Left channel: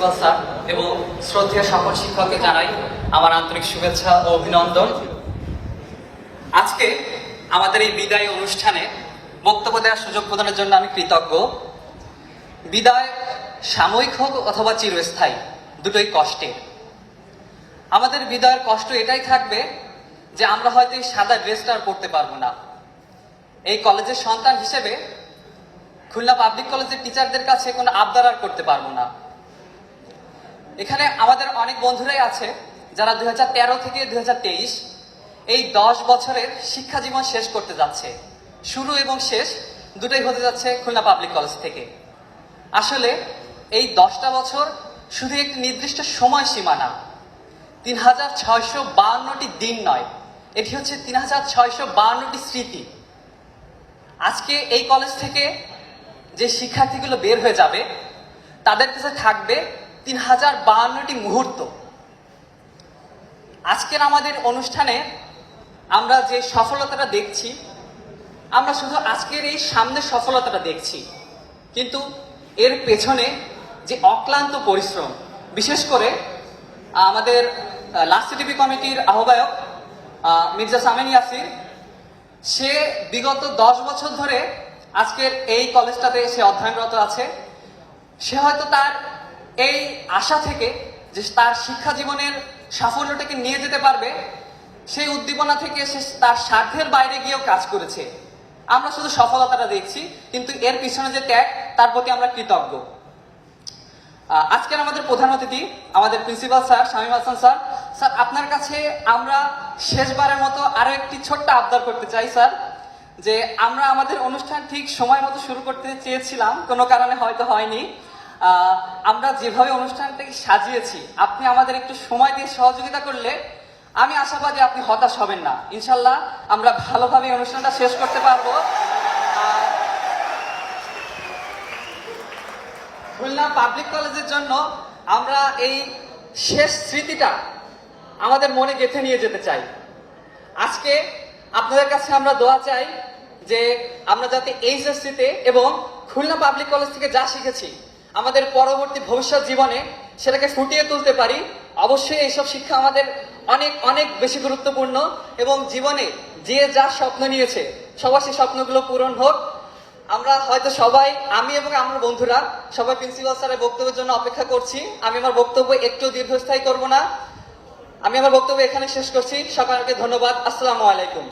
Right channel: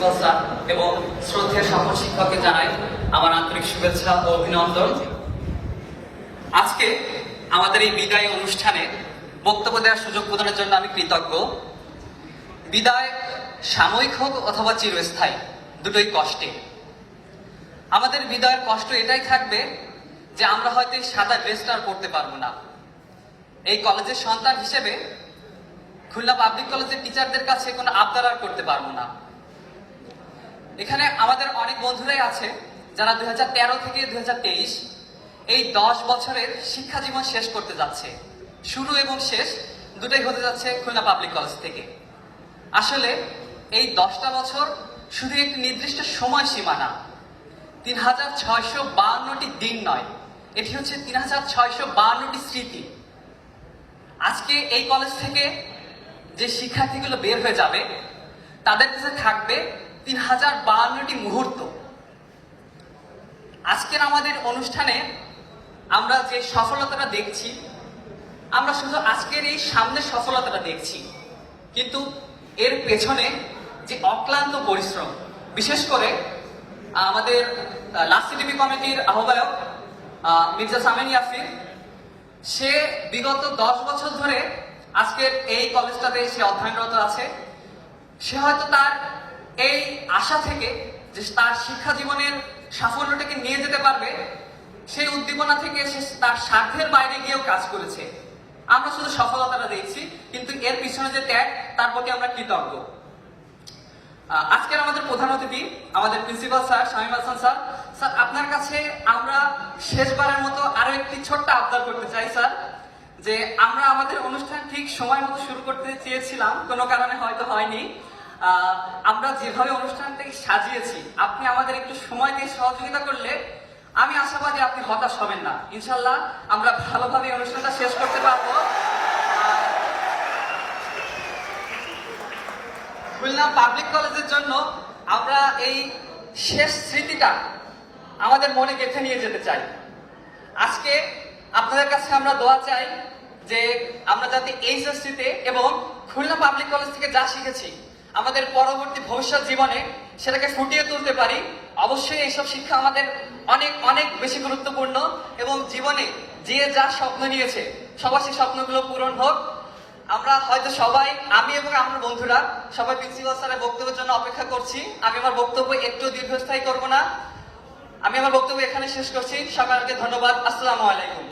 Principal sir এবং শ্রদ্ধেয় সকল শিক্ষককে জানাই আমার আন্তরিক শুভেচ্ছা ও অভিনন্দন। আজকে আমাদের এই বিদায় অনুষ্ঠানে বক্তব্য দেওয়ার সুযোগ প্রদানের জন্য আমি কৃতজ্ঞ। বিদায় সাময়িক হোক অথবা চিরস্থায়ী, দুটোই কষ্টে। আমাদের বিদায়ের কষ্ট এটাই থাকবে যে আমরা হয়তো এই সাদা ড্রেসটা আর করতে পারবো না। এই কলেজের সন্তান হিসেবে খুলনা পাবলিক কলেজের টিচারদের কাছে কোনো আবদার আর করতে পারবো না। এখানে আমাদের অনেক বন্ধুরাই আছে যারা 2013 থেকে 2023 এই 10 বছরের শিক্ষা জীবন শেষ করতে যাচ্ছে। শুরু এবং শেষ দুটোই হতে যাচ্ছে খুলনা পাবলিক কলেজ থেকে। আসলে এই 10টা বছর শুধু একটি নির্দিষ্ট সময় সীমা না, 3652টি দিন নয়, এটি হচ্ছে 3652টি স্মৃতি। আজকে এই কলেজ থেকে যে শিক্ষার্থীগুলো বের হয়ে যাবে তাদের কাছে থাকবে 3052টি মুহূর্ত। আজকের আমাদের অনুষ্ঠানে আমরা যে সফলতাটা দেখছি, আমরা শুধু আজকের এই সামনের সফলতাটা দেখছি, কিন্তু এর পেছনে যে অক্লান্ত পরিশ্রম, বিশেষ করে আমাদের লাস্ট সিটিপি কমিটির আহ্বায়ক মির্জা সামেন ইয়াসির, সে বিগত 10 বছর ধরে আজকের এই কলেজটাতে সে অধ্যয়নরত আছে। সে হয়তো তার এই আশা থেকে যে তার শিক্ষা জীবনের সাফল্যটাকে নিয়ে যেতে পারবে, সেই উদ্দীপনা থেকে সে তার স্বার্থের বাইরে গিয়েও কাজ করেছে। আমরা শুধু সফলতাটা দেখছি, কিন্তু এর পিছনে যে ত্যাগ, তার প্রতি আমরা কৃতজ্ঞ। আজকের আমাদের প্রধান অতিথি আমাদের principal sir Shamim Hasan sir. Sir, আপনার কাছে আমরা শেষবারের মতো আরো একটি ছোট্ট আবদার করতে চাই স্যার, যে আমরা আমাদের অনুষ্ঠান ঠিক সময় মতো শুরু করতে চেয়েছিলাম, কোনো কারণে হয়তো হয়নি। আমরা যেভাবে অনুষ্ঠানটাকে সাজিয়েছি, আপনি আমাদের একটু সময় দিয়ে সহযোগিতা করলে আমি আশাবাদী আপনি হতাশ হবেন না। ইনশাল্লাহ আমরা ভালোভাবে অনুষ্ঠানটা শেষ করতে পারবো। খুলনা পাবলিক কলেজের জন্য আমরা এই শেষ স্মৃতিটা আমাদের মনে গেঁথে নিয়ে যেতে চাই। আজকে আপনাদের কাছে আমরা দোয়া চাই যে আমরা যাতে এই স্মৃতিতে এবং খুলনা পাবলিক কলেজ থেকে যা শিখেছি আমাদের পরবর্তী ভবিষ্যৎ জীবনে সেটাকে ফুটিয়ে তুলতে পারি। অবশ্যই এইসব শিক্ষা আমাদের অনেক অনেক বেশি গুরুত্বপূর্ণ, এবং জীবনে যে যা স্বপ্ন নিয়েছে সবার সেই স্বপ্নগুলো পূরণ হোক। আমরা হয়তো সবাই, আমি এবং আমার বন্ধুরা সবাই প্রিন্সিপাল স্যারের বক্তব্যের জন্য অপেক্ষা করছি। আমি আমার বক্তব্য একটু দীর্ঘস্থায়ী করব না, আমি আমার বক্তব্য এখানে শেষ করছি। সকলকে ধন্যবাদ। আসসালামু আলাইকুম।